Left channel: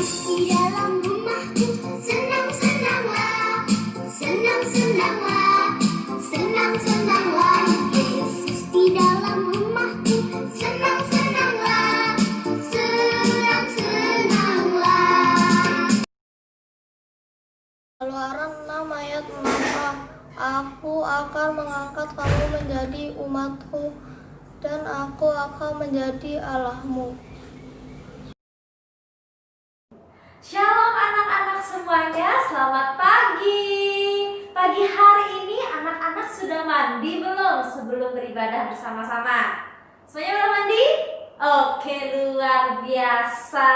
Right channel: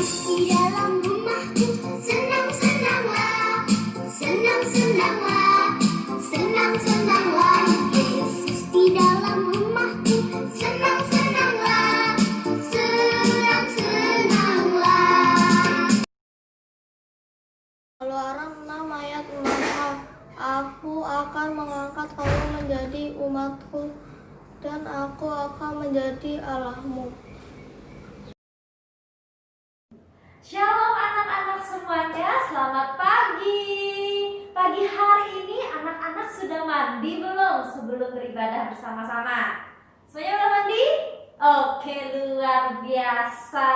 Yesus di dalam rumahku, senang-senanglah, senang-senanglah, senang-senanglah. Yesus di dalam rumahku, senang-senanglah, senang-senanglah. Keluaran 6 ayat 6a. Aku akan mengangkat kamu menjadi umatku, dan aku akan menjadi Allahmu. Shalom anak-anak semuanya, selamat pagi. Pagi hari ini anak-anak sudah mandi belum sebelum beribadah bersama-sama? Semuanya udah mandi? Oke, luar biasa.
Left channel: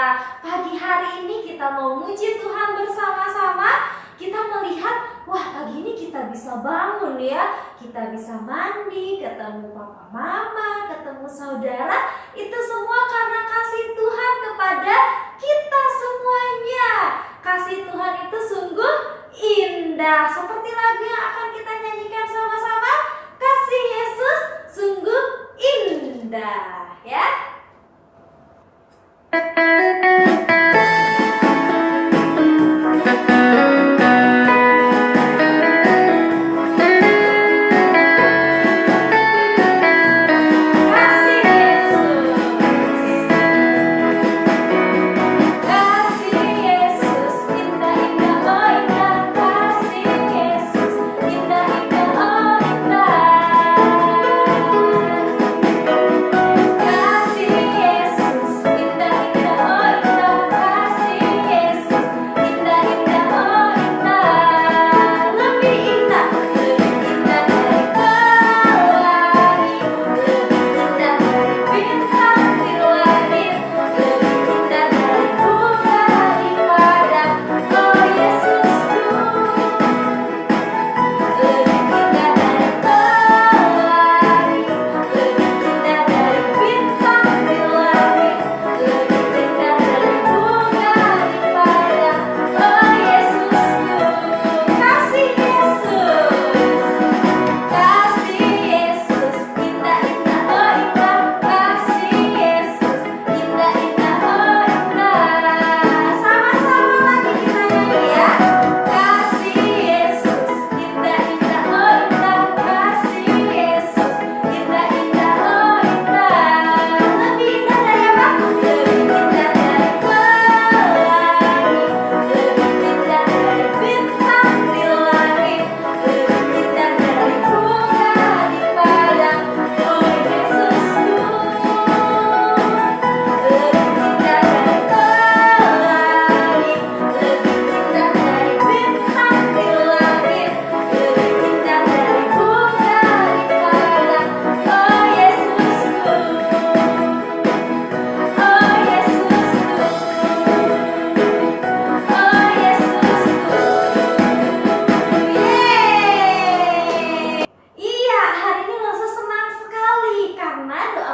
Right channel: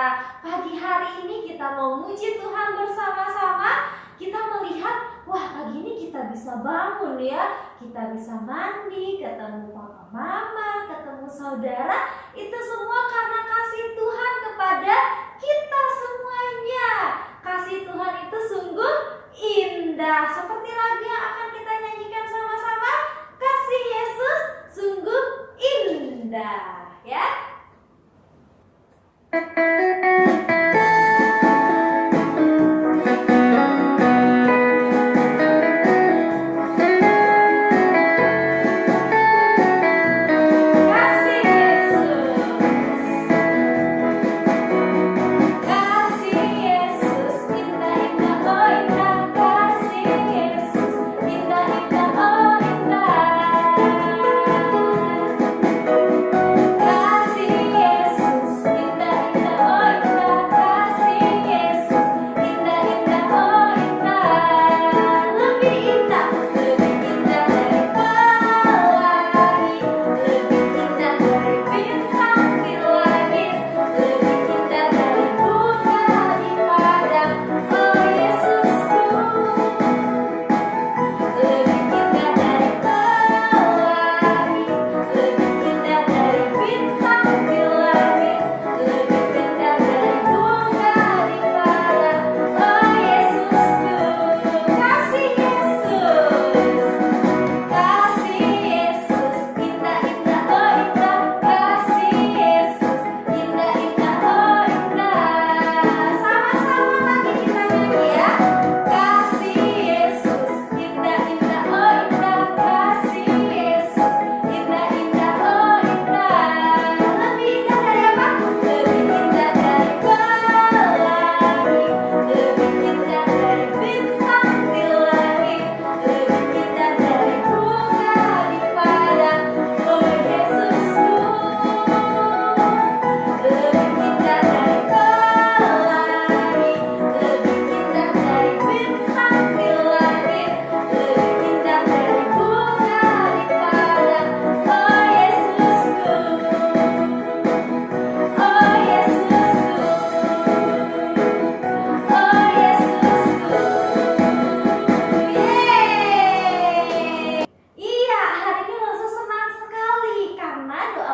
Pagi hari ini kita mau muji Tuhan bersama-sama. Kita melihat, wah pagi ini kita bisa bangun ya. Kita bisa mandi, ketemu papa mama, ketemu saudara. Itu semua karena kasih Tuhan kepada kita semuanya. Kasih Tuhan itu sungguh indah. Seperti lagu yang akan kita nyanyikan sama-sama. Kasih Yesus sungguh indah, ya.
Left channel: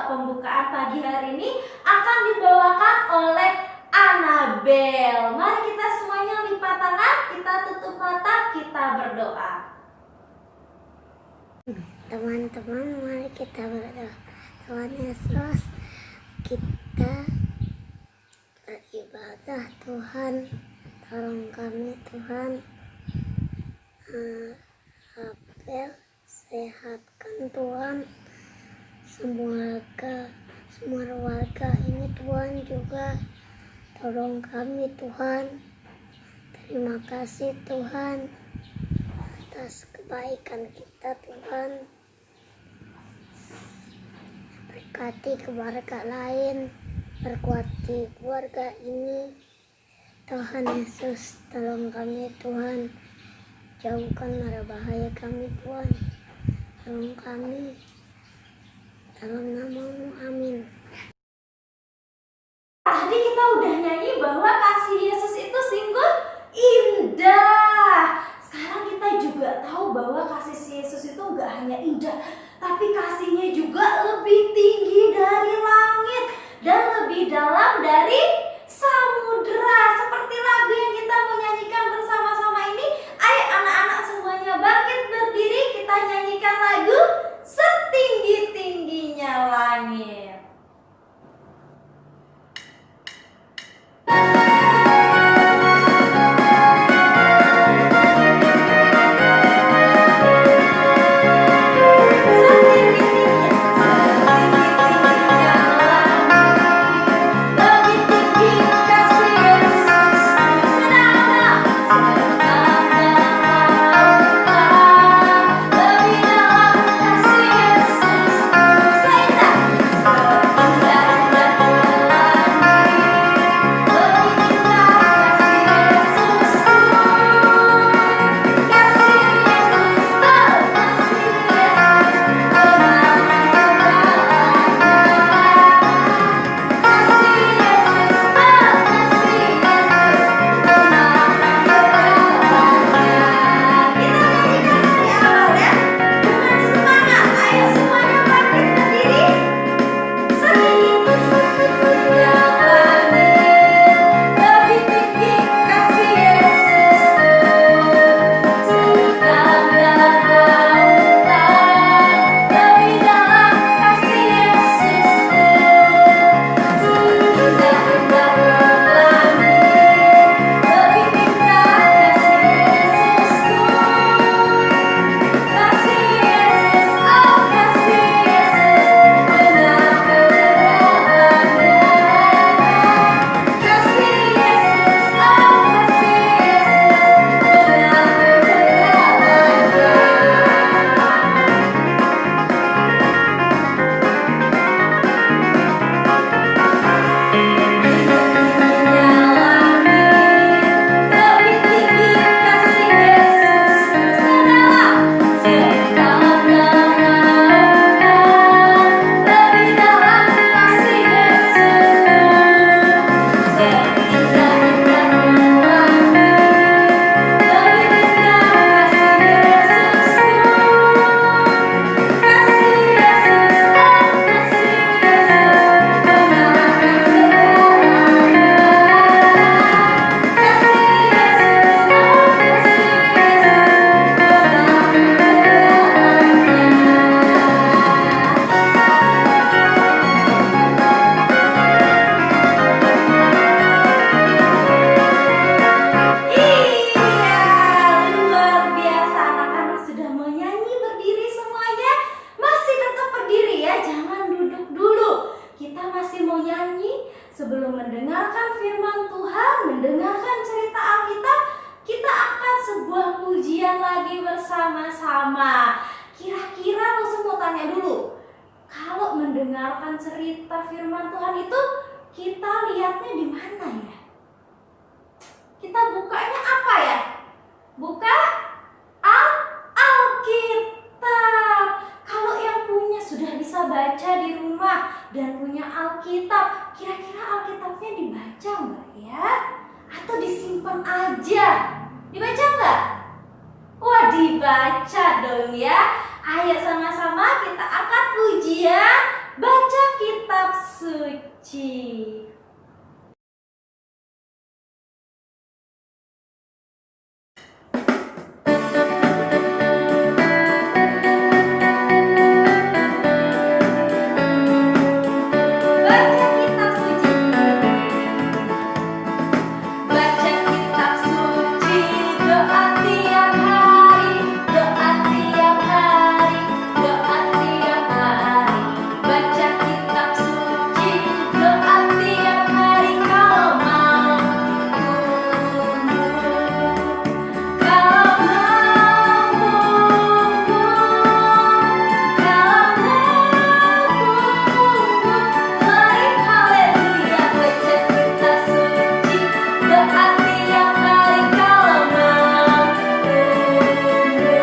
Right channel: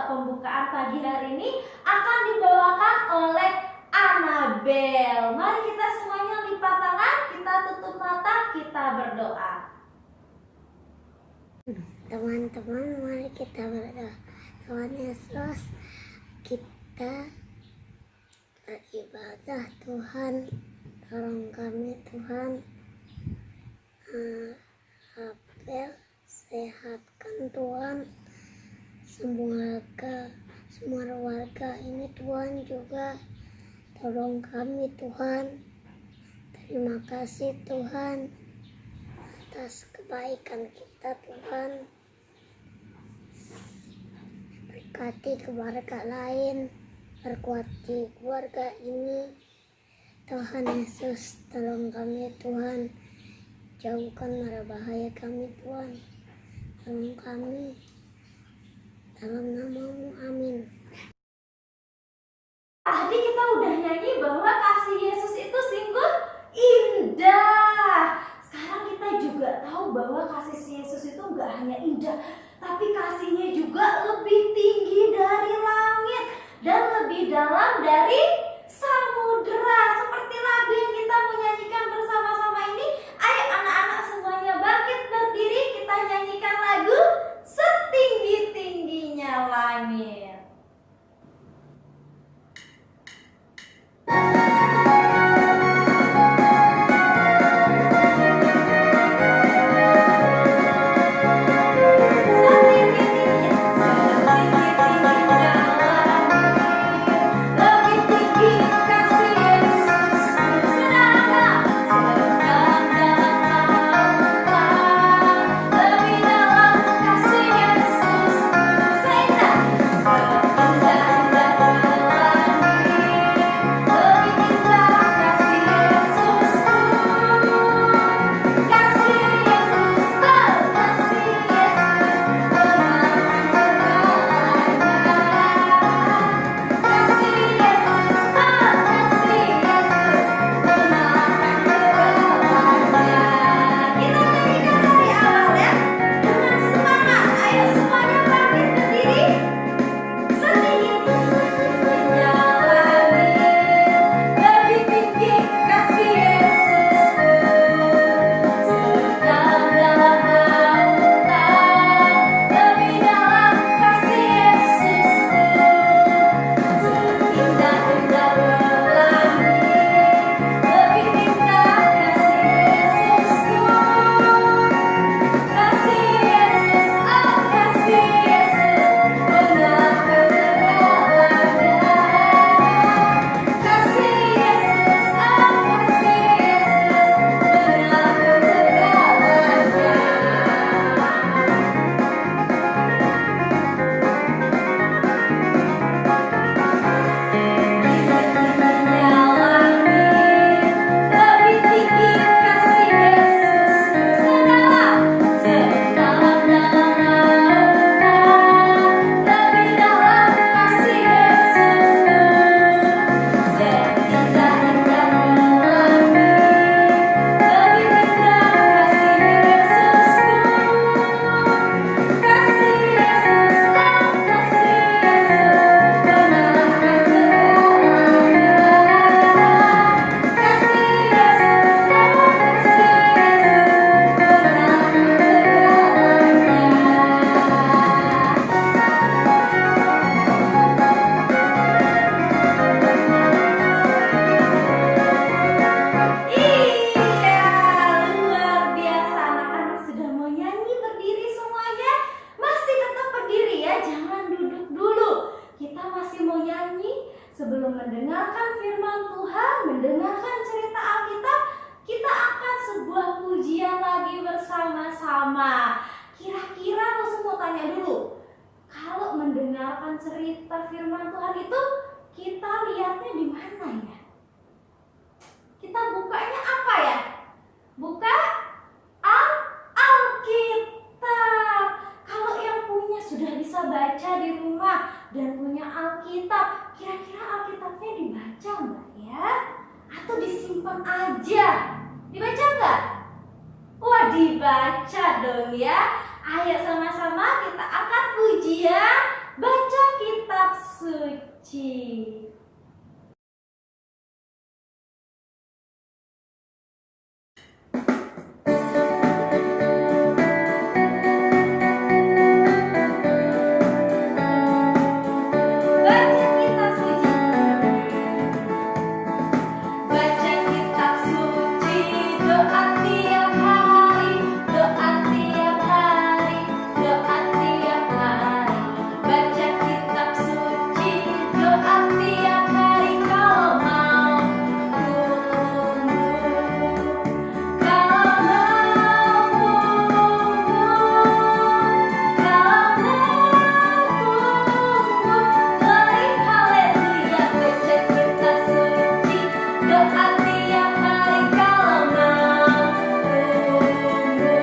Pembukaan pagi hari ini akan dibawakan oleh Anabel. Mari kita semuanya lipat tangan, kita tutup mata, kita berdoa. Teman-teman, mari kita berdoa. Tuhan Yesus, kita beribadah. Tuhan, tolong kami Tuhan. Abel, sehatkan Tuhan semua warga ini Tuhan juga, tolong kami Tuhan. Terima kasih Tuhan atas kebaikan kita Tuhan. Berkati keluarga lain, berkuati keluarga ini Tuhan Yesus, tolong kami Tuhan, jauhkan mara bahaya kami Tuhan, tolong kami dalam nama-Mu, amin. Tadi kita udah nyanyi bahwa kasih Yesus itu sungguh indah. Sekarang kita juga tahu bahwa kasih Yesus itu gak hanya indah, tapi kasihnya juga lebih tinggi dari langit dan lebih dalam dari samudera. Seperti lagu yang kita mau nyanyikan bersama-sama ini. Ayo anak-anak semuanya bangkit berdiri, kita nyanyikan lagu Setinggi-tingginya Langit. mendengarkan cerita firman Tuhan itu kita lihatnya di mana ya? Kita bukanya apa ya? Buka Alkitab. Kalau yang punya sudah bisa baca di rumah dan punya Alkitab, kira-kira Alkitabnya dibaca nggak ya? Atau disimpan aja? Dibaca nggak? Wah, dibaca dong ya. Ayo sama-sama kita angkat pujian, baca kitab suci. Baca kitab suci. Baca kitab suci, doa tiap hari, doa tiap hari, doa tiap hari. Baca kitab suci, doa tiap hari kalau mau tumbuh, kalau mau tumbuh. Mari haleluya, baca kitab suci, doa tiap hari kalau mau tumbuh.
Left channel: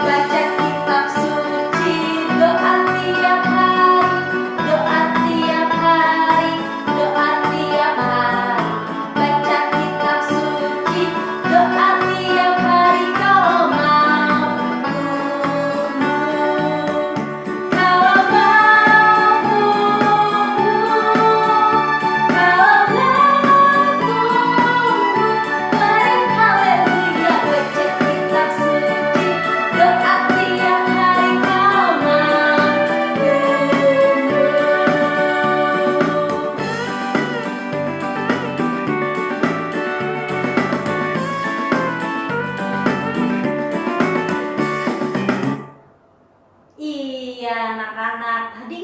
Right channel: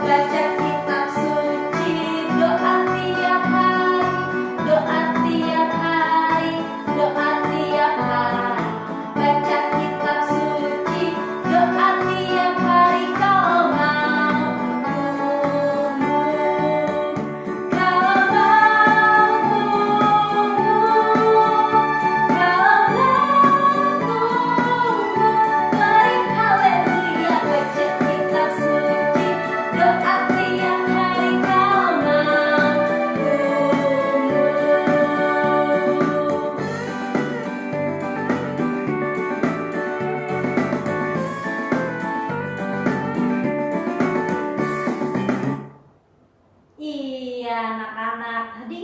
Baca kitab suci, doa tiap hari, doa tiap hari, doa tiap hari. Baca kitab suci, doa tiap hari kalau mau tumbuh, kalau mau tumbuh. Mari haleluya, baca kitab suci, doa tiap hari kalau mau tumbuh. Iya anak-anak, tadi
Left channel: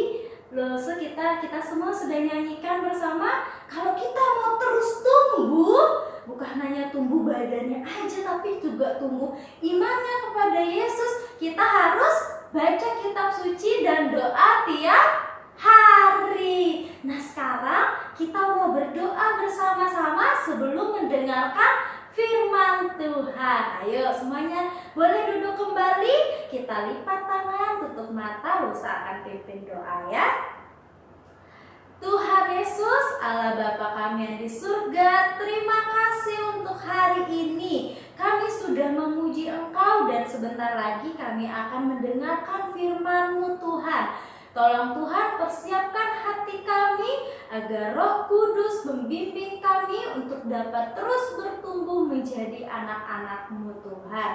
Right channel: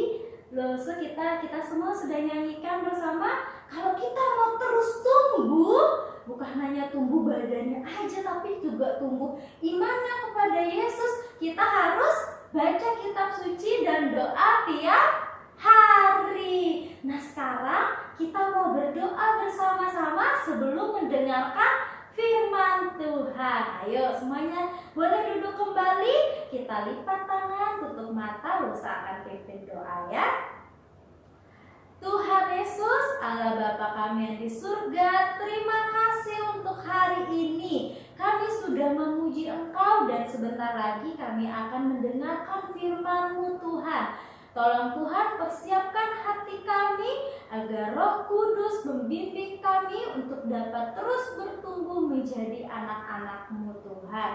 kita semua sudah nyanyikan bersama. Kalau kita mau terus tumbuh, bukan hanya tumbuh badannya aja, tapi juga tumbuh imannya kepada Yesus, kita harus baca kitab suci dan doa tiap hari. Nah sekarang kita mau berdoa bersama-sama sebelum mendengarkan firman Tuhan. Ayo semuanya boleh duduk kembali, kita lipat tangan, tutup mata, Lusa akan pimpin doa ya. Tuhan Yesus, Allah Bapa kami yang di surga, terima kasih untuk hari ini. Kami sudah memuji Engkau dan sebentar lagi kami akan mendengarkan firman-Mu Tuhan. Tolong Tuhan persiapkan hati kami agar Roh Kudus membimbing kami untuk dapat terus bertumbuh menjadi anak-anak-Mu Tuhan.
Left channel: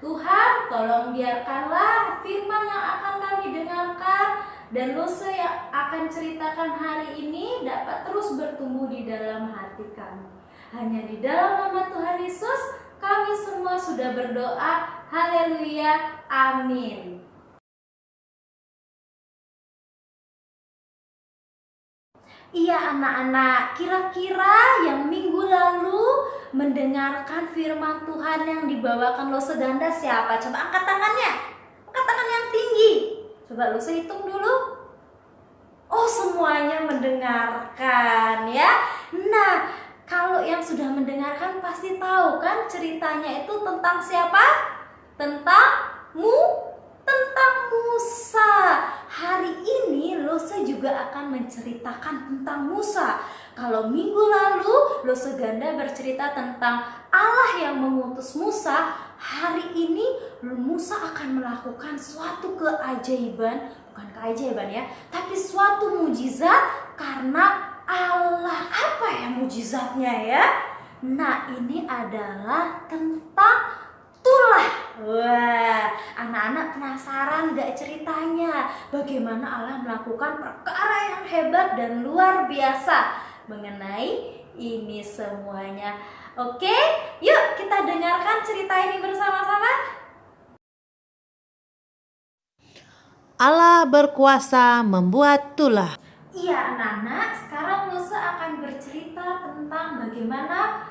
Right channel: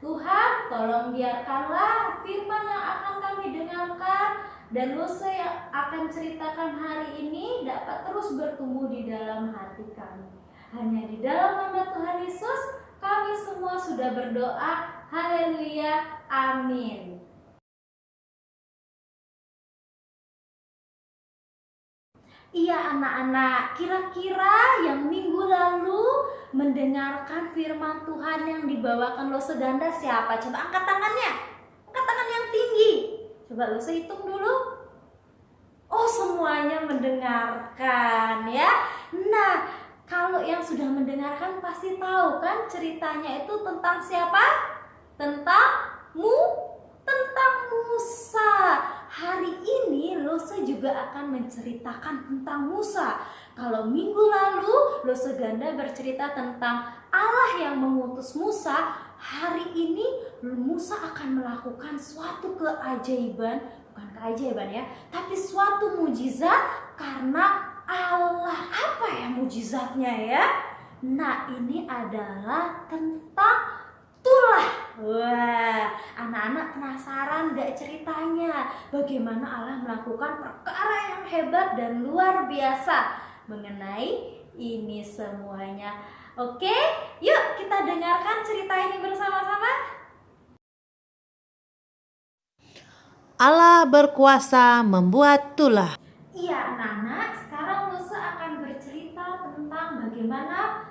Tuhan, tolong biarkanlah firman yang akan kami dengarkan dan Lusa yang akan ceritakan hari ini dapat terus bertumbuh di dalam hati kami. Hanya di dalam nama Tuhan Yesus kami semua sudah berdoa. Haleluya, amin. Iya anak-anak, kira-kira yang minggu lalu mendengarkan firman Tuhan yang dibawakan Lusa Ganda siapa? Coba angkat tangannya, angkat tangan yang tinggi. Coba Lusa hitung dulu. Oh semuanya mendengarkan ya. Nah kalau yang sudah mendengarkan pasti tahu kan ceritanya itu tentang siapa? Tentang Musa. Hari ini Lusa juga akan menceritakan tentang Musa. Kalau minggu lalu Lusa Ganda bercerita tentang Allah yang mengutus Musa, hari ini Musa akan melakukan suatu keajaiban, bukan keajaiban ya, tapi suatu mujizat karena Allah. Apa ya mujizatnya ya? Nah ini adalah tentang tulah. Wah, anak-anak penasaran gak ceritanya? Bagaimana Allah melakukan perkara yang hebat dan luar biasa mengenai ini semuanya. Oke, yuk kita dengarkan cerita ini bersama-sama. Allah berkuasa membuat tulah. Iya anak-anak, sekarang Lusa akan bercerita tentang bagaimana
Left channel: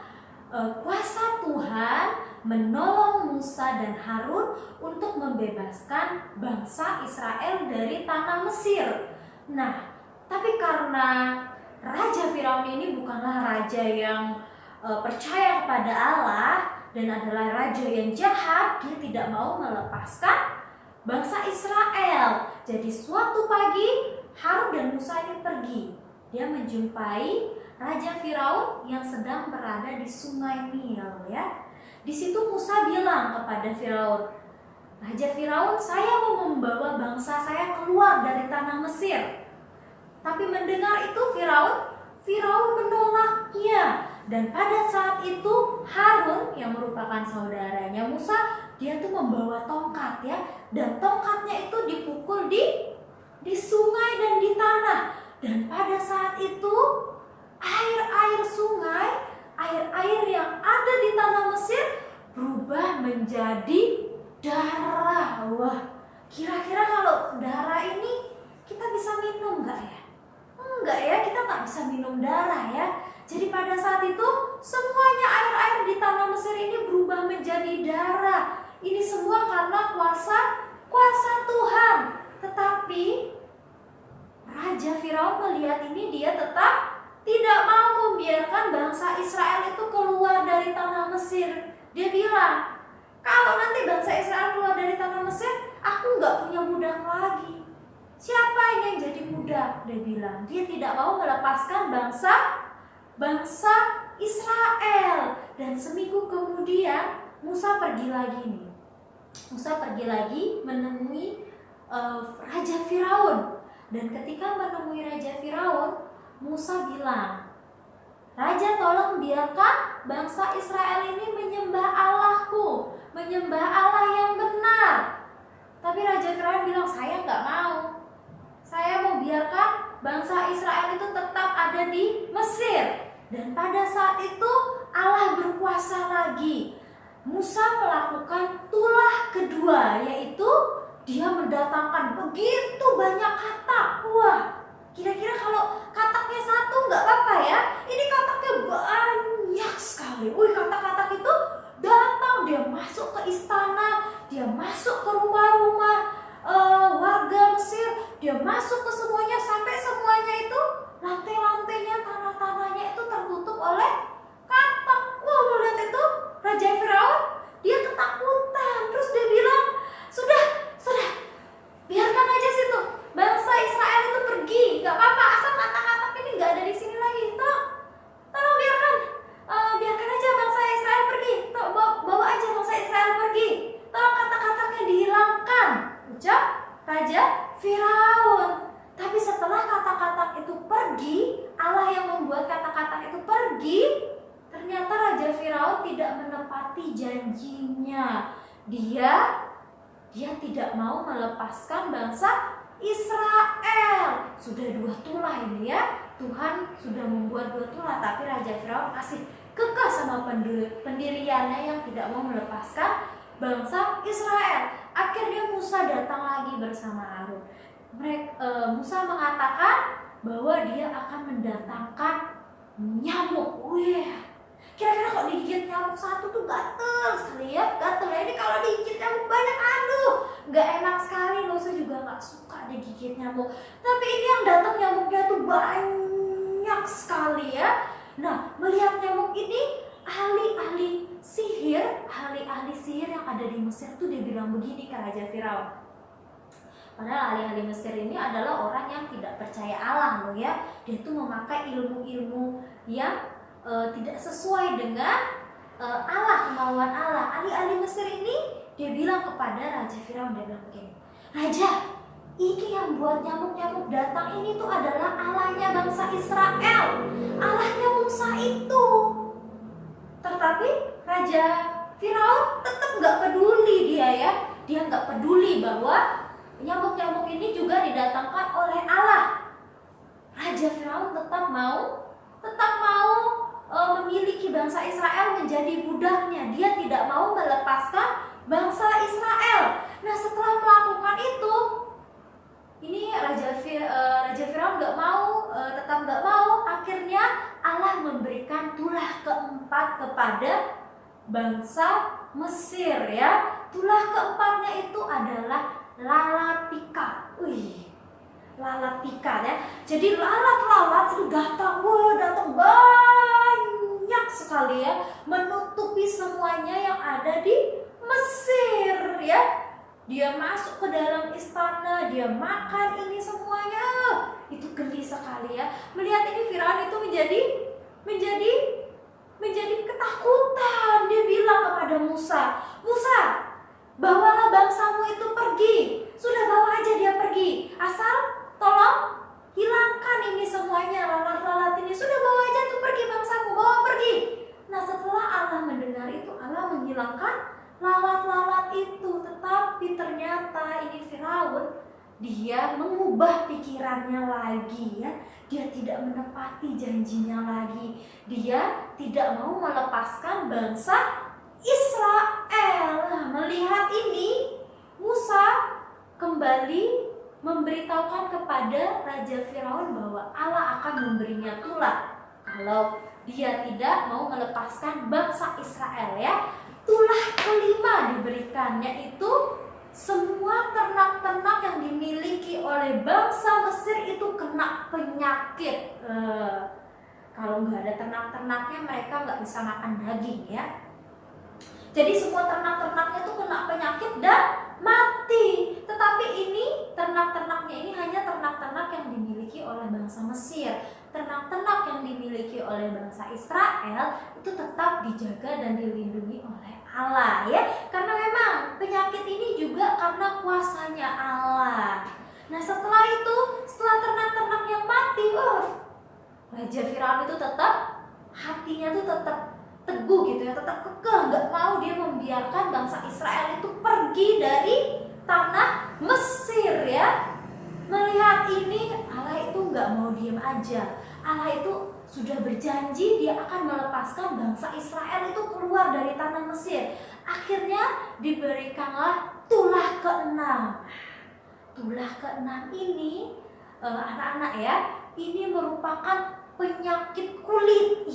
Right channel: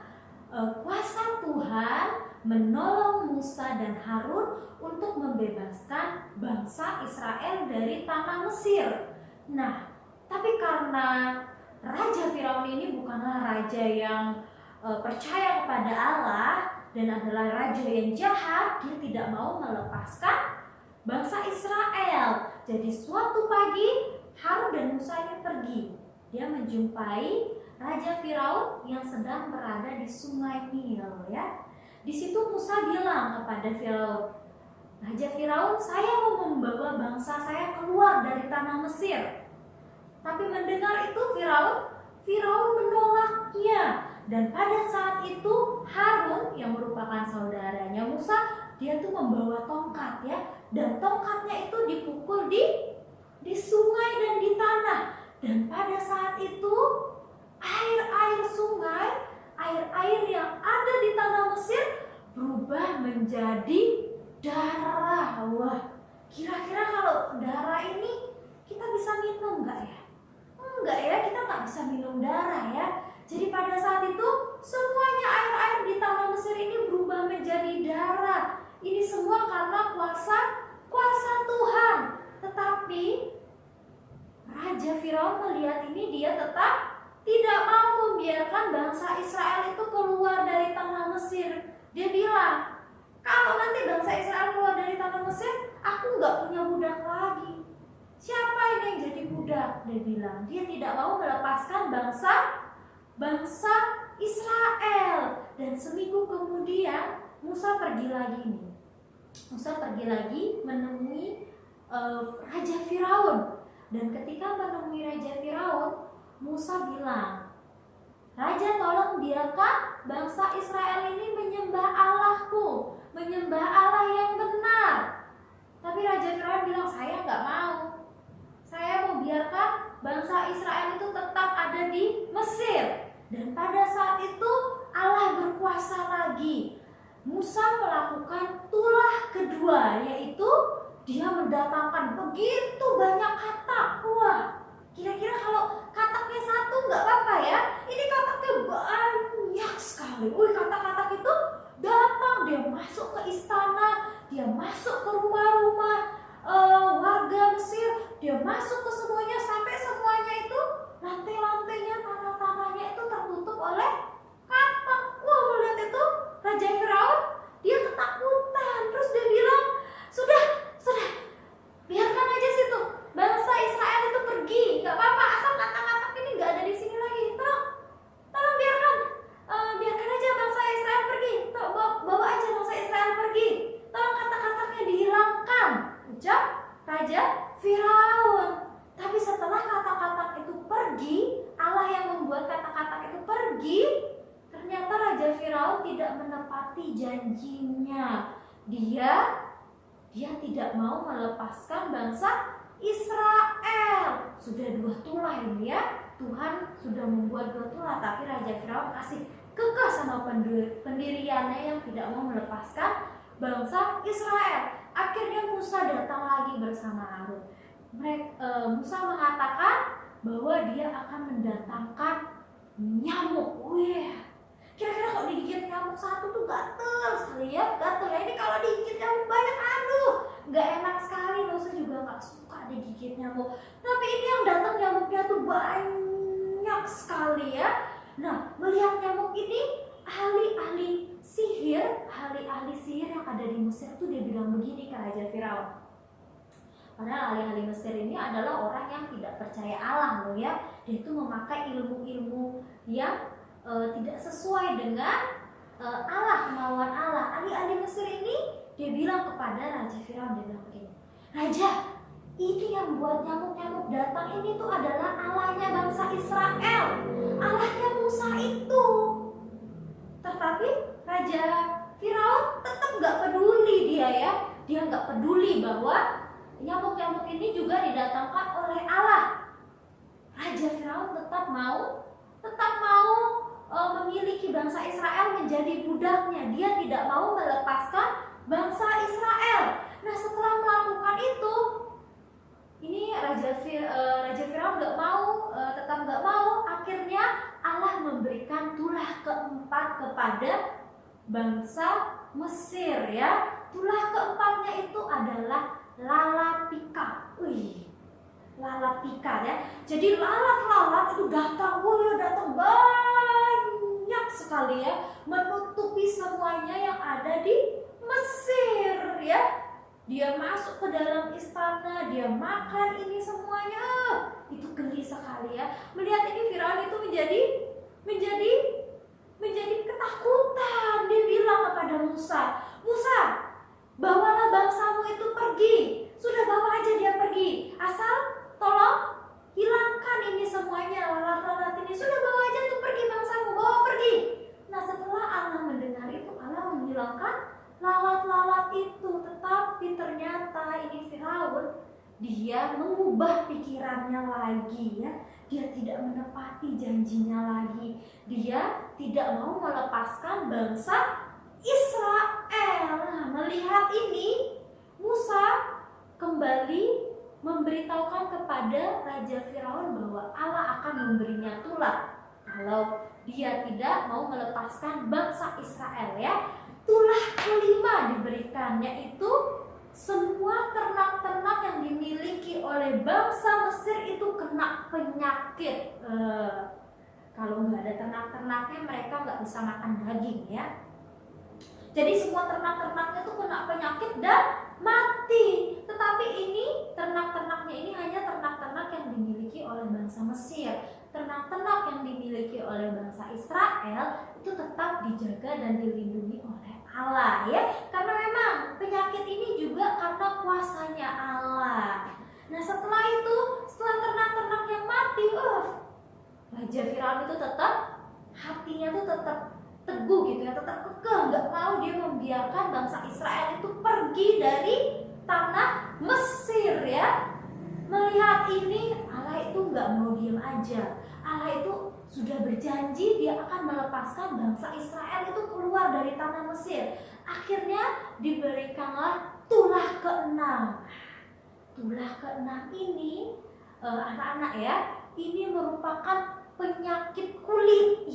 kuasa Tuhan menolong Musa dan Harun untuk membebaskan bangsa Israel dari tanah Mesir. Nah, tapi karena Raja Firaun ini bukanlah raja yang percaya kepada Allah dan adalah raja yang jahat, dia tidak mau melepaskan bangsa Israel. Jadi suatu pagi Harun dan Musa ini pergi. Dia menjumpai Raja Firaun yang sedang berada di Sungai Nil, ya. Di situ Musa bilang kepada Firaun, Raja Firaun, saya mau membawa bangsa saya keluar dari tanah Mesir. Tapi mendengar itu Firaun menolaknya. Dan pada saat itu Harun yang merupakan saudaranya Musa, dia tuh membawa tongkat, ya. Dan tongkatnya itu dipukul di sungai dan di tanah. Dan pada saat itu air-air sungai, air-air yang ada di tanah Mesir berubah menjadi darah. Wah, kira-kira kalau darah ini kita bisa minum nggak ya? Enggak ya, kita nggak bisa minum darah ya. Jadi pada saat itu semuanya air-air di tanah Mesir ini berubah menjadi darah. Ini semua karena kuasa Tuhan. Tetapi Raja Firaun melihat ini, dia tetap tidak mau membiarkan bangsa Israel itu keluar dari tanah Mesir. Dia bilang, kalau nanti bangsa Israel keluar dari tanah Mesir, aku nggak punya budak lagi. Siapa ini yang jadi budak? Dia bilang, dia tidak mau melepaskan bangsa Israel. Dan seminggu kemudian Musa pergi lagi nih. Musa pergi lagi menemui Raja Firaun. Dan ketika menemui Raja Firaun, Musa bilang, Raja, tolong biarkan bangsa Israel ini menyembah Allahku, menyembah Allah yang benar. Tapi Raja Firaun bilang, saya nggak mau. Saya mau biarkan bangsa Israel itu tetap ada di Mesir. Dan pada saat itu Allah berkuasa lagi. Musa melakukan tulah kedua, yaitu dia mendatangkan begitu banyak katak. Wah, kira-kira kalau kataknya satu nggak apa-apa ya. Ini kataknya banyak sekali. Wih, katak-katak itu datang, dia masuk ke istana, dia masuk ke rumah-rumah warga Mesir, dia masuk ke semuanya, sampai semuanya itu lantai-lantainya, tanah-tanahnya itu tertutup oleh katak. Wah, melihat itu Raja Firaun, dia ketakutan. Terus dia bilang, sudah, biarkan aja situ bangsa Israel itu pergi, nggak apa-apa, asal katak-katak ini nggak ada di sini lagi. Tolong biarkan aja bangsa Israel pergi. Bawa aja bangsa Israel pergi. Tolong katak-kataknya dihilangkan, ucap Raja Firaun. Tapi setelah katak-katak itu pergi, Allah yang membuat katak-katak itu pergi, ternyata Raja Firaun tidak menepati janjinya. Dia tidak mau melepaskan bangsa Israel. Sudah 2 tulah ini ya. Tuhan sudah membuat 2 tulah, tapi Raja Firaun masih kekeh sama pendiriannya yang tidak mau melepaskan bangsa Israel. Akhirnya Musa datang lagi bersama Harun. Musa mengatakan bahwa dia akan mendatangkan nyamuk. Wih, kira-kira kok digigit nyamuk satu tuh gatel sekali ya, gatel ya. Ini kalau digigit nyamuk banyak, aduh, nggak enak sekali loh. Saya juga nggak suka digigit nyamuk. Tapi ini yang datang nyamuknya tuh banyak sekali ya. Nah, melihat nyamuk ini, ahli-ahli sihir yang ada di Mesir tuh dia bilang begini ke Raja Firaun. Padahal ahli-ahli Mesir ini adalah orang yang tidak percaya Allah loh ya. Dia tuh memakai ilmu-ilmu yang tidak sesuai dengan Allah, kemauan Allah. Ahli-ahli Mesir ini dia bilang kepada Raja Firaun, dia bilang begini, Raja, ini yang buat nyamuk-nyamuk datang ini tuh adalah Allahnya bangsa Israel, Allahnya Musa itu. Tetapi Raja Firaun tetap nggak peduli dia ya. Dia nggak peduli bahwa nyamuk-nyamuk ini juga didatangkan oleh Allah. Raja Firaun tetap mau memiliki bangsa Israel menjadi budaknya. Dia tidak mau melepaskan bangsa Israel. Nah, setelah melakukan itu, ini Raja Firaun tetap nggak mau. Akhirnya Allah memberikan tulah keempat kepada bangsa Mesir ya. Tulah keempatnya itu adalah lalat pikat. Lalat pikat ya. Jadi lalat-lalat itu datang banyak sekali ya, menutupi semuanya yang ada di Mesir ya. Dia masuk ke dalam istana, dia makan ini semuanya. Itu geli sekali ya. Melihat ini Firaun itu menjadi ketakutan. Dia bilang kepada Musa, "Musa, bawalah bangsamu itu pergi. Sudah bawa aja dia pergi. Asal tolong hilangkan ini semuanya, lalat-lalat ini. Sudah bawa aja tuh pergi bangsamu, bawa pergi." Nah, setelah Allah mendengar itu, Allah menghilangkan lalat-lalat itu. Tetapi ternyata ini Firaun, dia mengubah pikirannya lagi ya. Dia tidak menepati janjinya lagi. Dia tidak mau melepaskan bangsa Israel. Nah, melihat ini, Musa kembali memberitahukan kepada Raja Firaun bahwa Allah akan memberinya tulah kalau dia tidak mau melepaskan bangsa Israel ya. Tulah kelima diberikan, yaitu semua ternak-ternak yang dimiliki oleh bangsa Mesir itu kena penyakit. Kalau nggak ada ternak-ternaknya, mereka nggak bisa makan daging ya. Jadi semua ternak-ternaknya itu kena penyakit dan mati. Tetapi ini ternak-ternaknya ini hanya ternak-ternak yang dimiliki oleh bangsa Mesir. Ternak-ternak yang dimiliki oleh bangsa Israel itu tetap dijaga dan dilindungi oleh Allah ya. Karena memang penyakit ini juga karena kuasanya Allah. Nah, setelah ternak-ternak yang mati, Raja Firaun itu tetap hatinya tuh tetap teguh gitu ya, tetap kekeh, nggak mau dia membiarkan bangsa Israel itu pergi dari tanah Mesir ya. Melihat ini, Allah itu nggak mau diam aja. Allah itu sudah berjanji dia akan melepaskan bangsa Israel itu keluar dari tanah Mesir. Akhirnya diberikanlah tulah keenam. Tulah keenam ini anak-anak ya, ini merupakan penyakit kulit.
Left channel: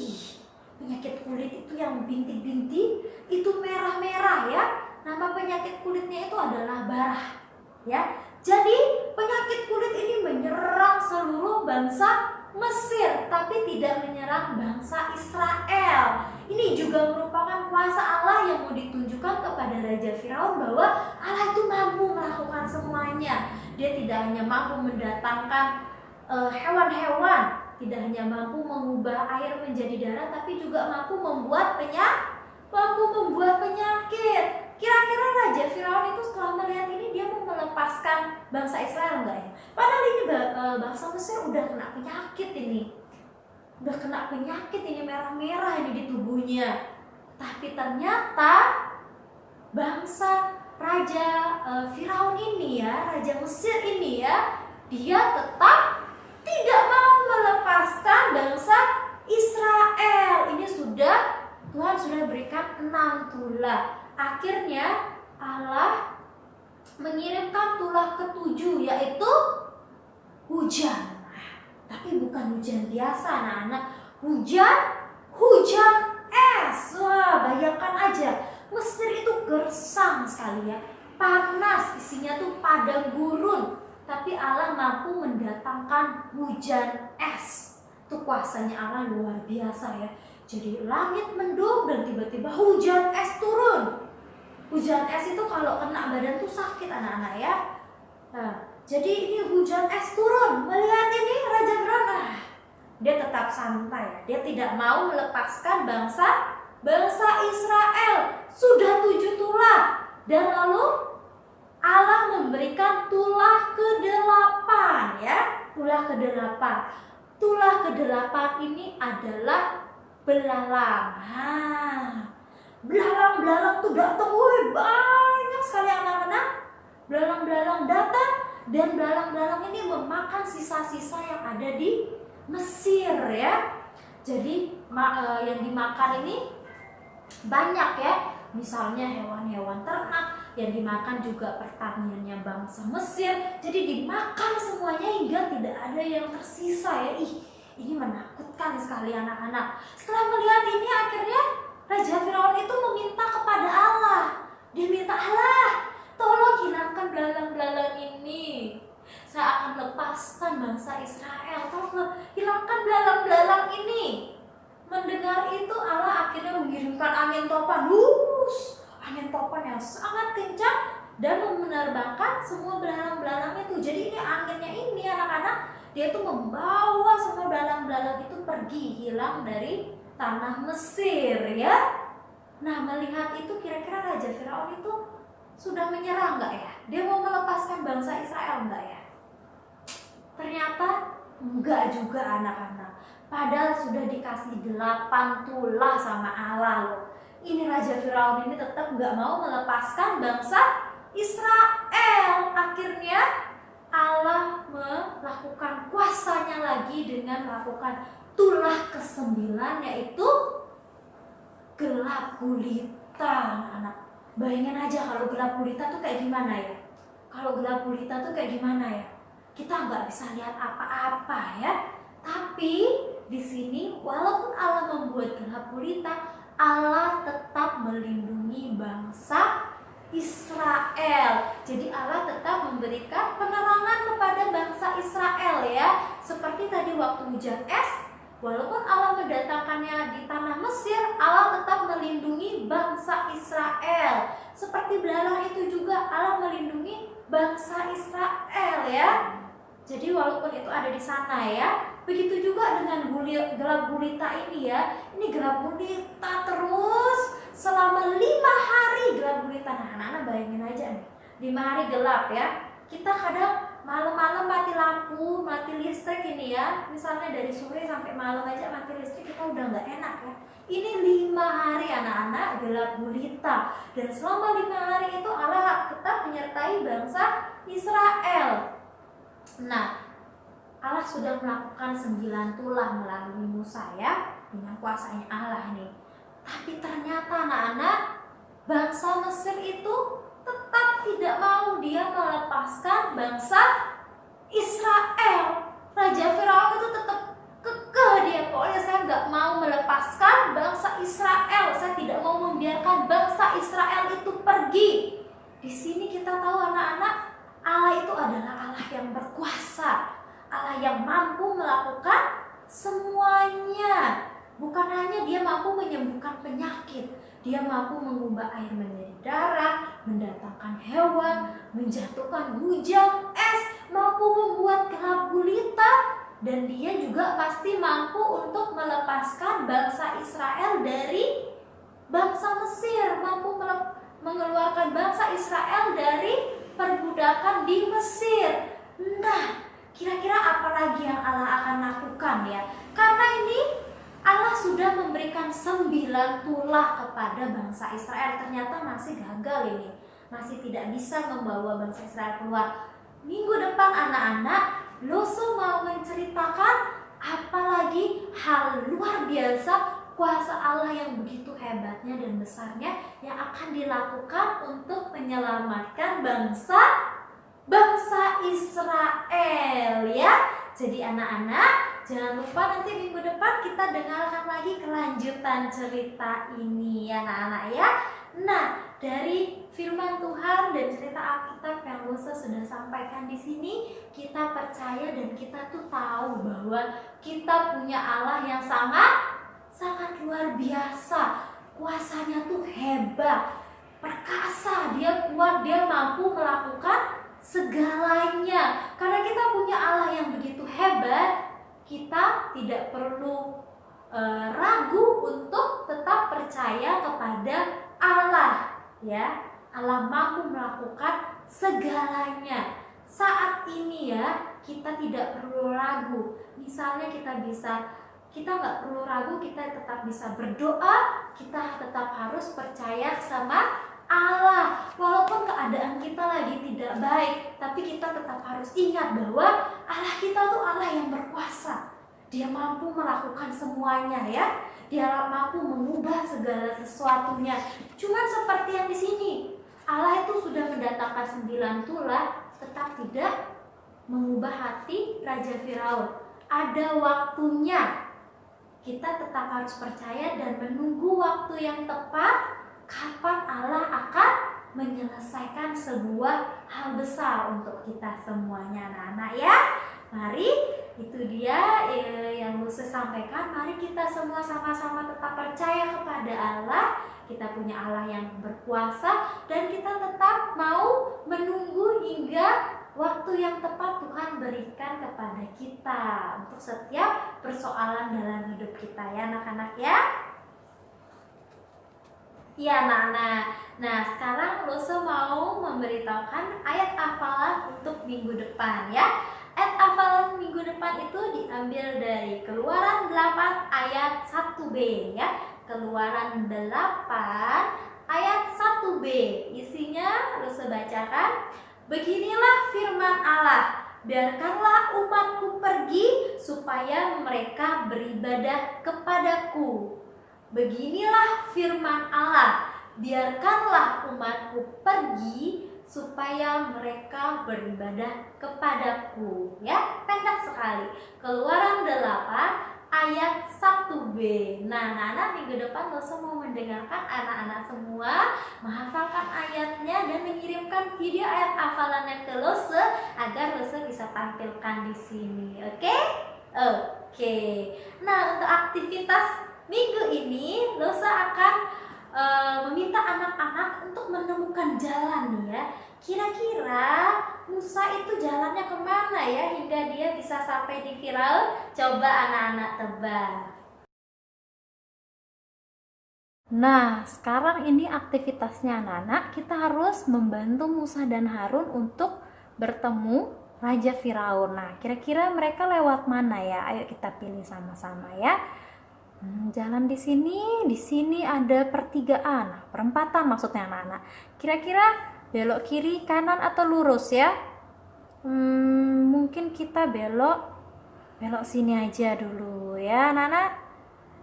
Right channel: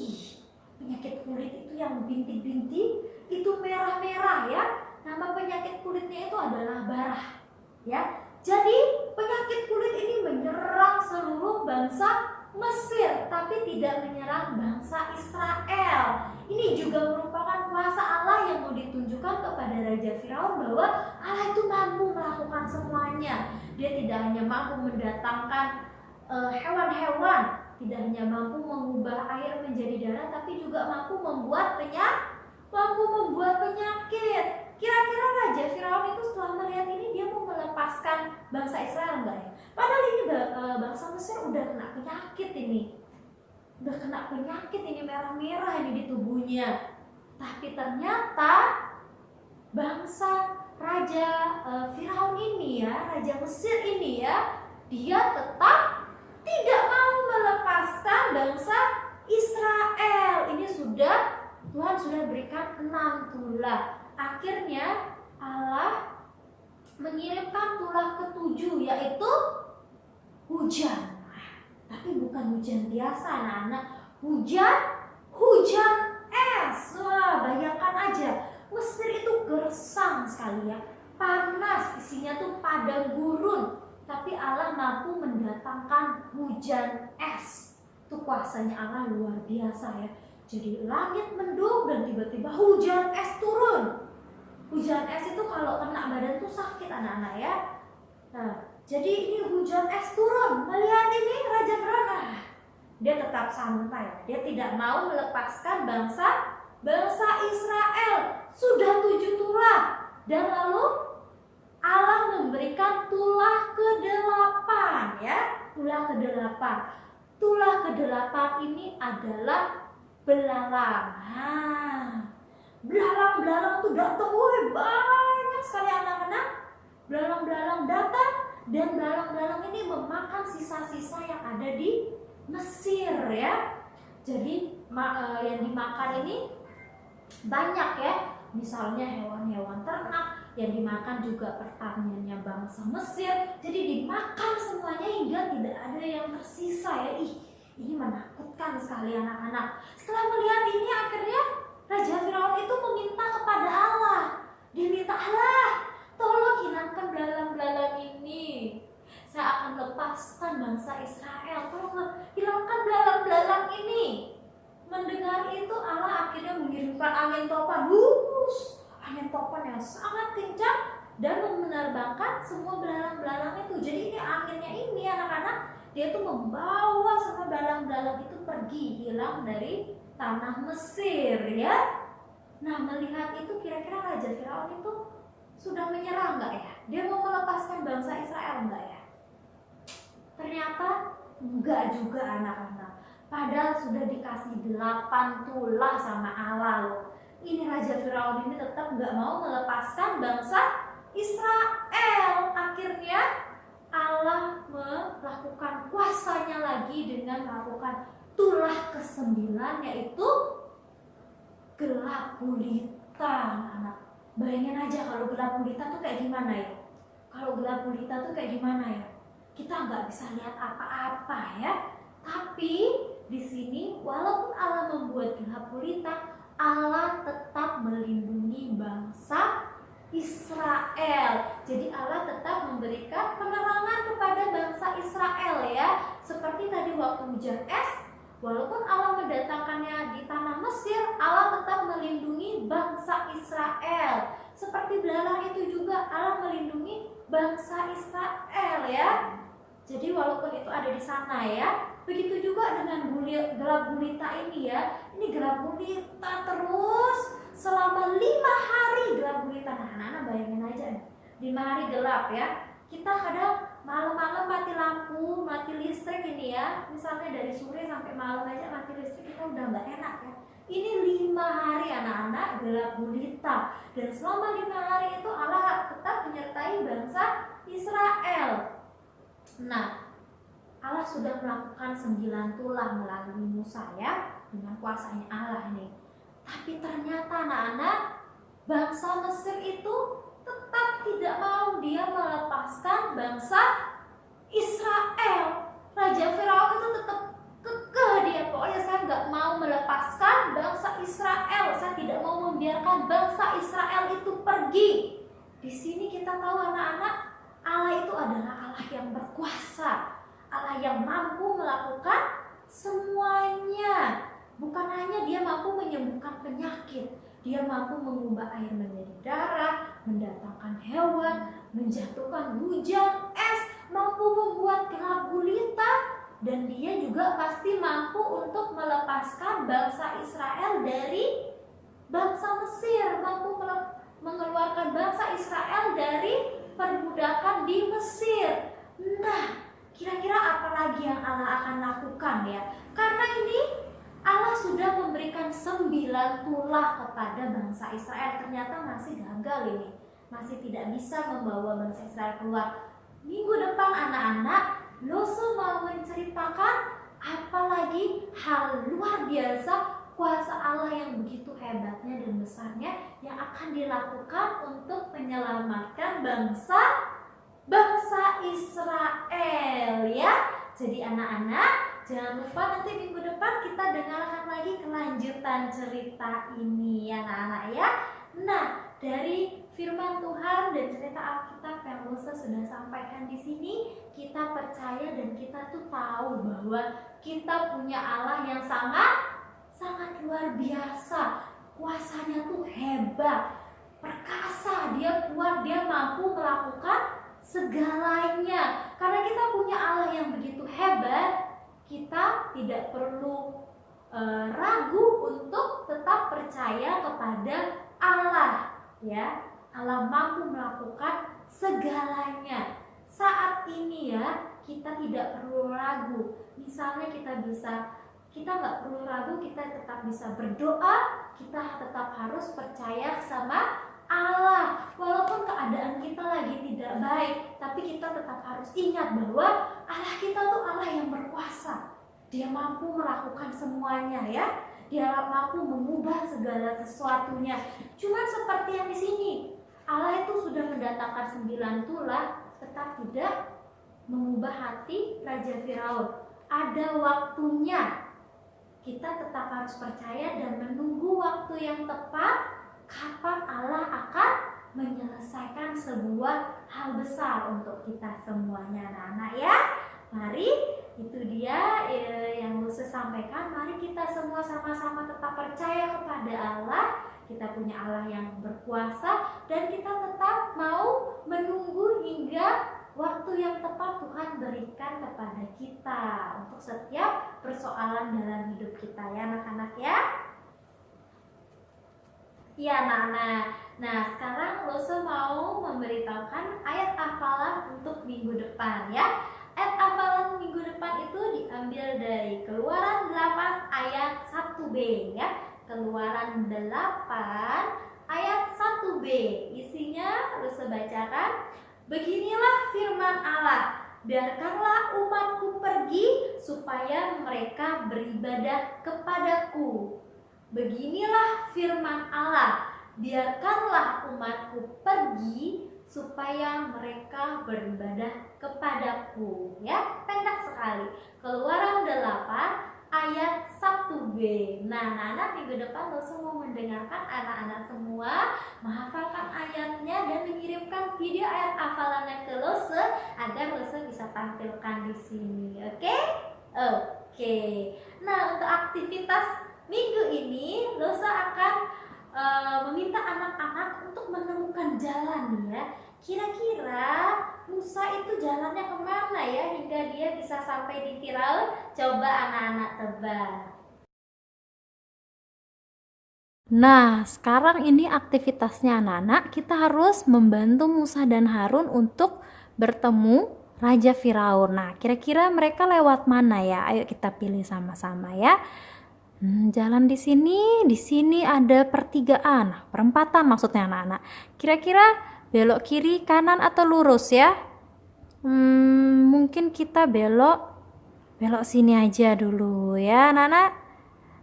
Penyakit kulit itu yang bintik-bintik, itu merah-merah ya. Nama penyakit kulitnya itu adalah barah ya. Jadi penyakit kulit ini menyerang seluruh bangsa Mesir, tapi tidak menyerang bangsa Israel. Ini juga merupakan kuasa Allah yang mau ditunjukkan kepada Raja Firaun bahwa Allah itu mampu melakukan semuanya. Dia tidak hanya mampu mendatangkan hewan-hewan, tidak hanya mampu mengubah air menjadi darah, tapi juga mampu membuat penyakit. Kira-kira Raja Firaun itu setelah melihat ini dia mau melepaskan bangsa Israel enggak ya? Padahal ini bangsa Mesir udah kena penyakit ini. Udah kena penyakit ini, merah-merah ini di tubuhnya. Tapi ternyata bangsa Raja Firaun ini ya, Raja Mesir ini ya, dia tetap tidak mau melepaskan bangsa Israel. Ini Tuhan sudah berikan 6 tulah. Akhirnya Allah mengirimkan tulah ke-7, yaitu hujan. Tapi bukan hujan biasa anak-anak, hujan es. Wah, bayangkan aja, Mesir itu gersang sekali ya, panas, isinya tuh padang gurun. Tapi Allah mampu mendatangkan hujan es. Itu kuasanya Allah luar biasa ya. Jadi langit mendung dan tiba-tiba hujan es turun. Hujan es itu kalau kena badan tuh sakit anak-anak ya. Nah, jadi ini hujan es turun. Melihat ini Raja Firaun, dia tetap santai. Dia tidak mau melepaskan bangsa Israel. Sudah 7 tulah. Dan lalu Allah memberikan tulah ke-8 ya. Tulah ke-8. Tulah ke-8 ini adalah belalang. Belalang-belalang tuh datang, banyak sekali anak-anak. Belalang-belalang datang dan belalang-belalang ini memakan sisa-sisa yang ada di Mesir ya. Jadi yang dimakan ini banyak ya. Misalnya hewan-hewan ternak, yang dimakan juga pertaniannya bangsa Mesir. Jadi dimakan semuanya hingga tidak ada yang tersisa ya. Ini menakutkan sekali anak-anak. Setelah melihat ini akhirnya Raja Firaun itu meminta kepada Allah. Dia minta, Allah, tolong hilangkan belalang-belalang ini. Saya akan lepaskan bangsa Israel. Tolong hilangkan belalang-belalang ini. Mendengar itu Allah akhirnya mengirimkan angin topan. Angin topan yang sangat kencang dan menerbangkan semua belalang-belalang itu. Jadi ini anginnya ini anak-anak, dia tuh membawa semua belalang-belalang itu pergi, hilang dari tanah Mesir ya. Nah, melihat itu kira-kira Raja Firaun itu sudah menyerah nggak ya? Dia mau melepaskan bangsa Israel nggak ya? Ternyata enggak juga anak-anak. Padahal sudah dikasih 8 tulah sama Allah loh. Ini Raja Firaun ini tetap nggak mau melepaskan bangsa Israel. Akhirnya Allah melakukan kuasanya lagi dengan melakukan tulah ke-9, yaitu gelap gulita. Anak-anak, bayangin aja kalau gelap gulita tuh kayak gimana ya? Kalau gelap gulita tuh kayak gimana ya? Kita nggak bisa lihat apa-apa ya. Tapi di sini walaupun Allah membuat gelap gulita, Allah tetap melindungi bangsa Israel. Jadi Allah tetap memberikan penerangan kepada bangsa Israel ya. Seperti tadi waktu hujan es, walaupun Allah mendatangkannya di tanah Mesir, Allah tetap melindungi bangsa Israel. Seperti belalang itu juga Allah melindungi bangsa Israel ya. Jadi walaupun itu ada di sana ya. Begitu juga dengan gelap gulita ini ya. Ini gelap gulita terus selama 5 hari gelap gulita. Nah, anak-anak bayangin aja nih, 5 hari gelap ya. Kita kadang malam-malam mati lampu, mati listrik ini ya. Misalnya dari sore sampai malam aja mati listrik, kita udah nggak enak ya. Ini 5 hari anak-anak gelap gulita. Dan selama 5 hari itu Allah tetap menyertai bangsa Israel. Nah, Allah sudah melakukan 9 tulah melalui Musa ya, dengan kuasanya Allah nih. Tapi ternyata anak-anak, bangsa Mesir itu tetap tidak mau dia melepaskan bangsa Israel. Raja Firaun itu tetap kekeh dia, pokoknya saya nggak mau melepaskan bangsa Israel. Saya tidak mau membiarkan bangsa Israel itu pergi. Di sini kita tahu anak-anak, Allah itu adalah Allah yang berkuasa, Allah yang mampu melakukan semuanya. Bukan hanya dia mampu menyembuhkan penyakit, dia mampu mengubah air menjadi darah, mendatangkan hewan, menjatuhkan hujan es, mampu membuat gelap gulita, dan dia juga pasti mampu untuk melepaskan bangsa Israel dari bangsa Mesir, mampu mengeluarkan bangsa Israel dari perbudakan di Mesir. Nah, kira-kira apa lagi yang Allah akan lakukan ya? Karena ini Allah sudah memberikan 9 tulah kepada bangsa Israel. Ternyata masih gagal ini, masih tidak bisa membawa bangsa Israel keluar. Minggu depan anak-anak, Lusu mau menceritakan apa lagi hal luar biasa kuasa Allah yang begitu hebatnya dan besarnya yang akan dilakukan untuk menyelamatkan bangsa Israel ya. Jadi anak-anak, jangan lupa nanti minggu depan kita dengarkan lagi kelanjutan cerita ini ya anak-anak ya. Nah, dari firman Tuhan dan cerita Alkitab yang Lusa sudah sampaikan di sini, kita percaya dan kita tuh tahu bahwa kita punya Allah yang sangat luar biasa. Kuasanya tuh hebat, perkasa, dia kuat, dia mampu melakukan segalanya. Karena kita punya Allah yang begitu hebat, kita tidak perlu ragu untuk tetap percaya kepada Allah ya. Allah mampu melakukan segalanya. Saat ini ya, kita tidak perlu ragu. Misalnya kita nggak perlu ragu, kita tetap bisa berdoa, kita tetap harus percaya sama Allah. Walaupun keadaan kita lagi tidak baik, tapi kita tetap harus ingat bahwa Allah kita tuh Allah yang berkuasa. Dia mampu melakukan semuanya ya. Dia mampu mengubah segala sesuatunya. Cuman seperti yang di sini, Allah itu sudah mendatangkan 9 tulah, tetap tidak mengubah hati Raja Firaun. ada waktunya. Kita tetap harus percaya dan menunggu waktu yang tepat kapan Allah akan menyelesaikan sebuah hal besar untuk kita semuanya, anak-anak ya. Mari, itu dia yang Lucy sampaikan. Mari kita semua sama-sama tetap percaya kepada Allah. Kita punya Allah yang berkuasa dan kita tetap mau menunggu hingga waktu yang tepat Tuhan berikan kepada kita untuk setiap persoalan dalam hidup kita ya anak-anak ya. Ya anak-anak. Nah sekarang Lucy mau memberitahukan ayat hafalan untuk minggu depan ya. Ayat hafalan minggu depan itu diambil dari Keluaran 8 ayat 1b ya. Keluaran 8 ayat 1b. Isinya Lucy bacakan. Beginilah firman Allah, biarkanlah umatku pergi supaya mereka beribadah kepadaku. Beginilah firman Allah, biarkanlah umatku pergi supaya mereka beribadah kepadaku. Ya, pendek sekali. Keluaran 8 ayat 1b. Nah, anak-anak minggu depan Lucy mau mendengarkan anak-anak semua menghafalkan ayatnya dan mengirimkan video ayat hafalannya ke Lucy agar Lucy bisa tampilkan di sini. Oke? Oke. Nah, untuk aktivitas minggu ini Lucy akan meminta anak-anak untuk menemukan jalan nih ya. Kira-kira Musa itu jalannya kemana ya hingga dia bisa sampai di Firaun? Coba anak-anak tebak. Nah, sekarang ini aktivitasnya anak-anak, kita harus membantu Musa dan Harun untuk bertemu Raja Firaun. Nah, kira-kira mereka lewat mana ya? Ayo kita pilih sama-sama ya. Jalan di sini ada pertigaan, perempatan maksudnya anak-anak. Kira-kira belok kiri, kanan atau lurus ya? Mungkin kita belok sini aja dulu ya anak-anak.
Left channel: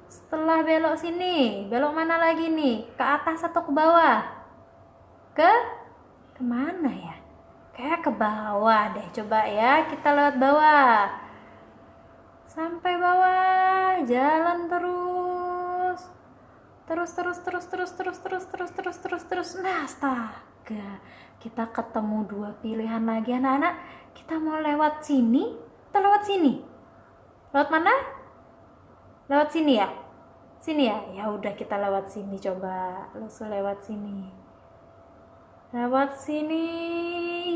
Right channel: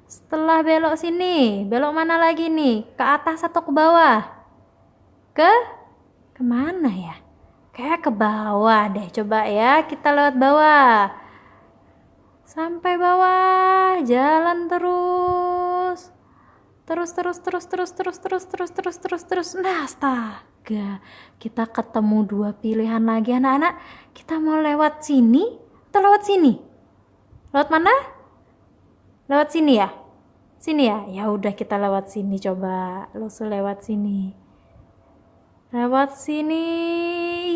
Setelah belok sini, belok mana lagi nih? Ke atas atau ke bawah? Kemana ya? Kayak ke bawah deh, coba ya kita lewat bawah. Sampai bawah, jalan terus. Nah, astaga. Kita ketemu dua pilihan lagi anak-anak. Kita mau lewat sini atau lewat sini? Lewat mana? Lewat sini ya? Sini ya? Ya udah kita lewat sini coba. Lucy lewat sini. Lewat sini.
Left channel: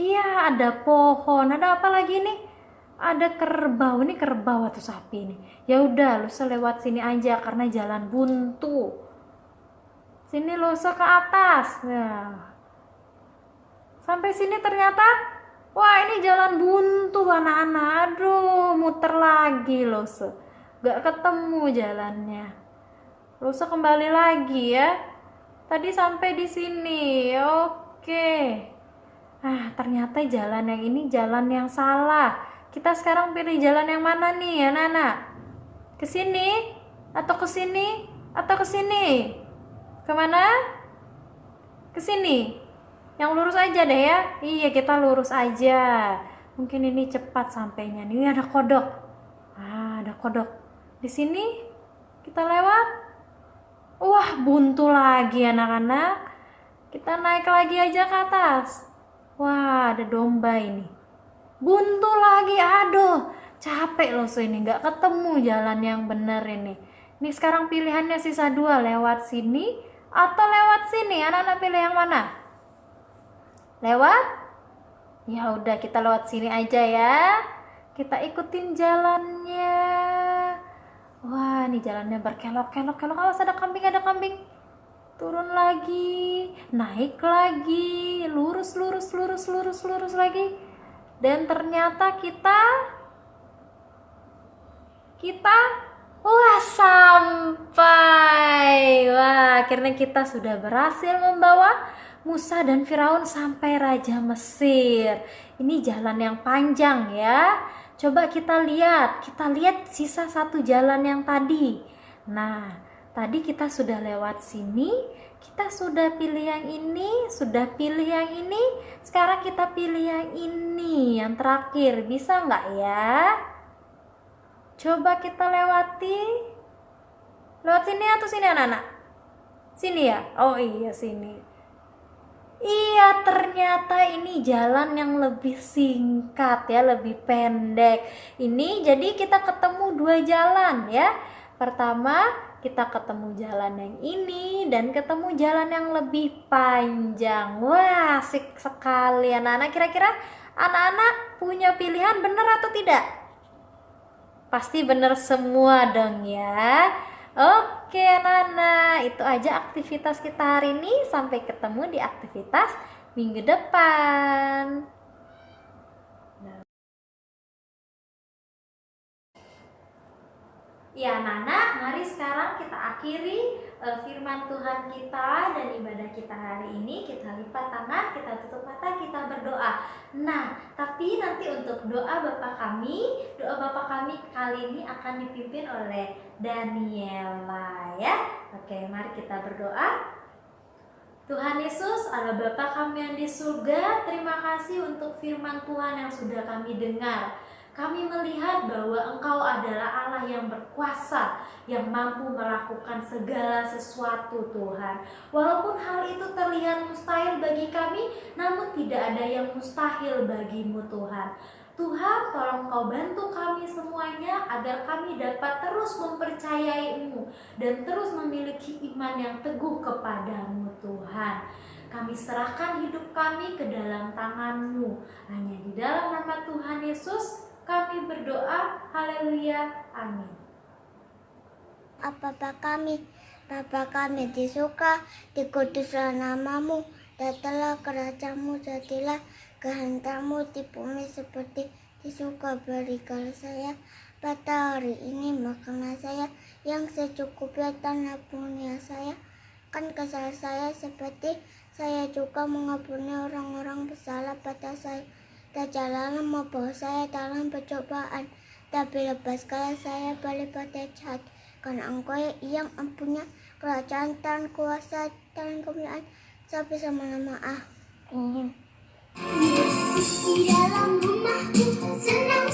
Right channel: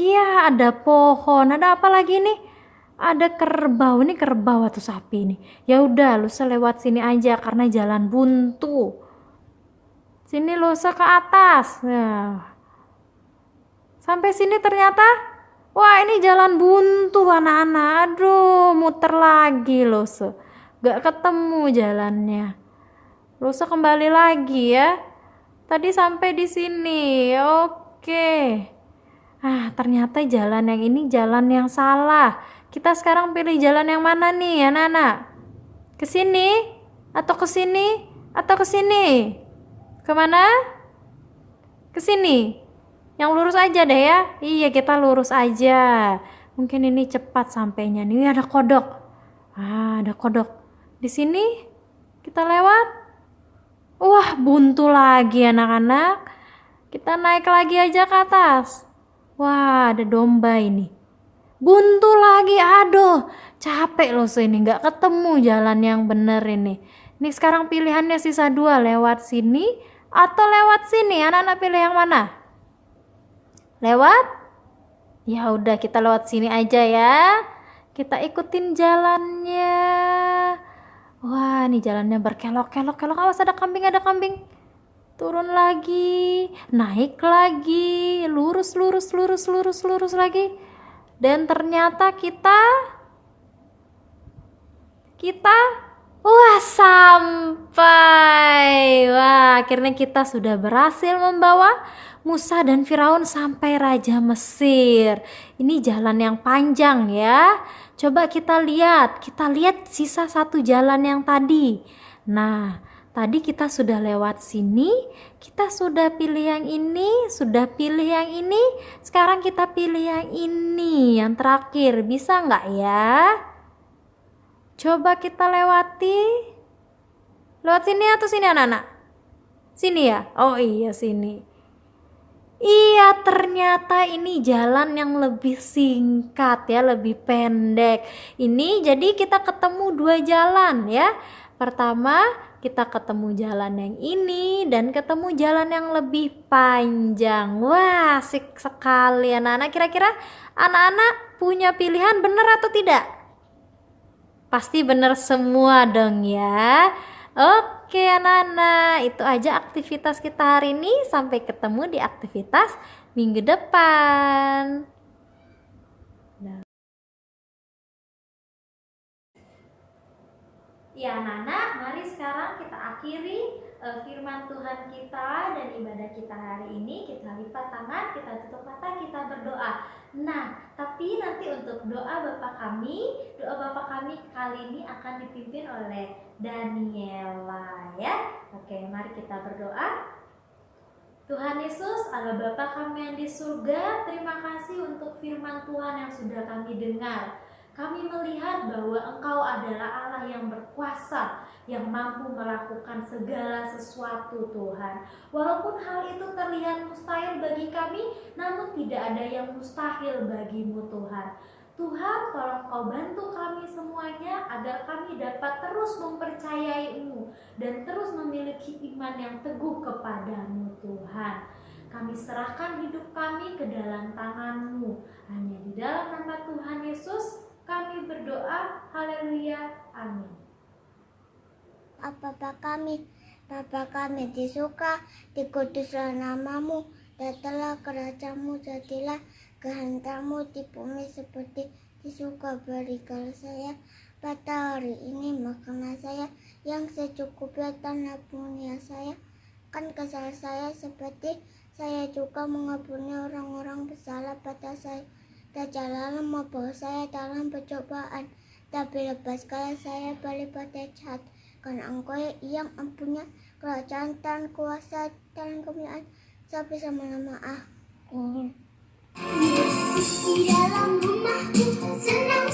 Iya, ada pohon. Ada apa lagi nih? Ada kerbau. Ini kerbau atau sapi nih. Ya udah, Lucy lewat sini aja karena jalan buntu. Sini Lucy ke atas. Nah. Sampai sini ternyata wah, ini jalan buntu anak-anak. Aduh, muter lagi Lucy. Gak ketemu jalannya. Lucy kembali lagi ya. Tadi sampai di sini. Oke. Ternyata jalan yang ini jalan yang salah. Kita sekarang pilih jalan yang mana nih anak-anak? Ke sini atau ke sini atau ke sini? Kemana? Ke sini. Yang lurus aja deh ya. Iya, kita lurus aja. Mungkin ini cepat sampainya. Nih ada kodok. Ada kodok. Di sini kita lewat. Wah, buntu lagi anak-anak. Kita naik lagi aja ke atas. Wah, ada domba ini. Buntu lagi, aduh, capek loh ini, nggak ketemu jalan yang bener ini. Ini sekarang pilihannya sisa 2, lewat sini atau lewat sini. Anak-anak pilih yang mana? Lewat? Ya udah kita lewat sini aja ya. Kita ikutin jalannya. Wah, ini jalannya berkelok-kelok. Awas ada kambing. Turun lagi, naik lagi, lurus lagi. Dan ternyata kita sampai. Wah, akhirnya kita sudah berhasil membawa Musa dan Firaun sampai Raja Mesir. Ini jalan yang panjang ya. Coba kita lihat sisa 1 jalan yang tadi. Nah, tadi kita sudah lewat sini, kita sudah pilih yang ini, sekarang kita pilih yang ini, yang terakhir. Bisa nggak ya? Coba kita lewati. Lewat sini atau sini anak-anak? Sini ya? Oh iya sini. Iya, ternyata ini jalan yang lebih singkat ya, lebih pendek. Ini jadi kita ketemu dua jalan ya. Pertama, kita ketemu jalan yang ini dan ketemu jalan yang lebih panjang. Wah, asik sekali anak-anak. Kira-kira anak-anak punya pilihan benar atau tidak? Pasti benar semua dong ya. Oke anak-anak, itu aja aktivitas kita hari ini. Sampai ketemu di aktivitas minggu depan. Ya anak-anak, mari sekarang kita akhiri firman Tuhan kita dan ibadah kita hari ini. Kita lipat tangan, kita tutup mata, kita berdoa. Nah, tapi nanti untuk doa Bapa kami kali ini akan dipimpin oleh Daniela ya. Oke, mari kita berdoa. Tuhan Yesus, Allah Bapa kami yang di surga, terima kasih untuk firman Tuhan yang sudah kami dengar. Kami melihat bahwa Engkau adalah Allah yang berkuasa, yang mampu melakukan segala sesuatu Tuhan. Walaupun hal itu terlihat mustahil bagi kami, namun tidak ada yang mustahil bagimu Tuhan. Tuhan, tolong Kau bantu kami semuanya agar kami dapat terus mempercayai-Mu dan terus memiliki iman yang teguh kepadamu Tuhan. Kami serahkan hidup kami ke dalam tangan-Mu. Hanya di dalam nama Tuhan Yesus kami berdoa, haleluya, amin. Bapa kami di surga, dikuduslah namamu, datanglah kerajaanmu, jadilah kehendakmu di bumi seperti di surga. Berikanlah saya pada hari ini makanan saya yang secukupnya, dan ampuni saya kan kesalahan saya seperti saya juga mengampuni orang-orang bersalah pada saya. Dan janganlah membawa saya dalam pencobaan, tapi lepaskanlah saya daripada jahat. Karena Engkau yang mempunyai kerajaan dan kuasa dan kemuliaan sampai selama-lamanya. Amin. Yesus di dalam rumahku, senang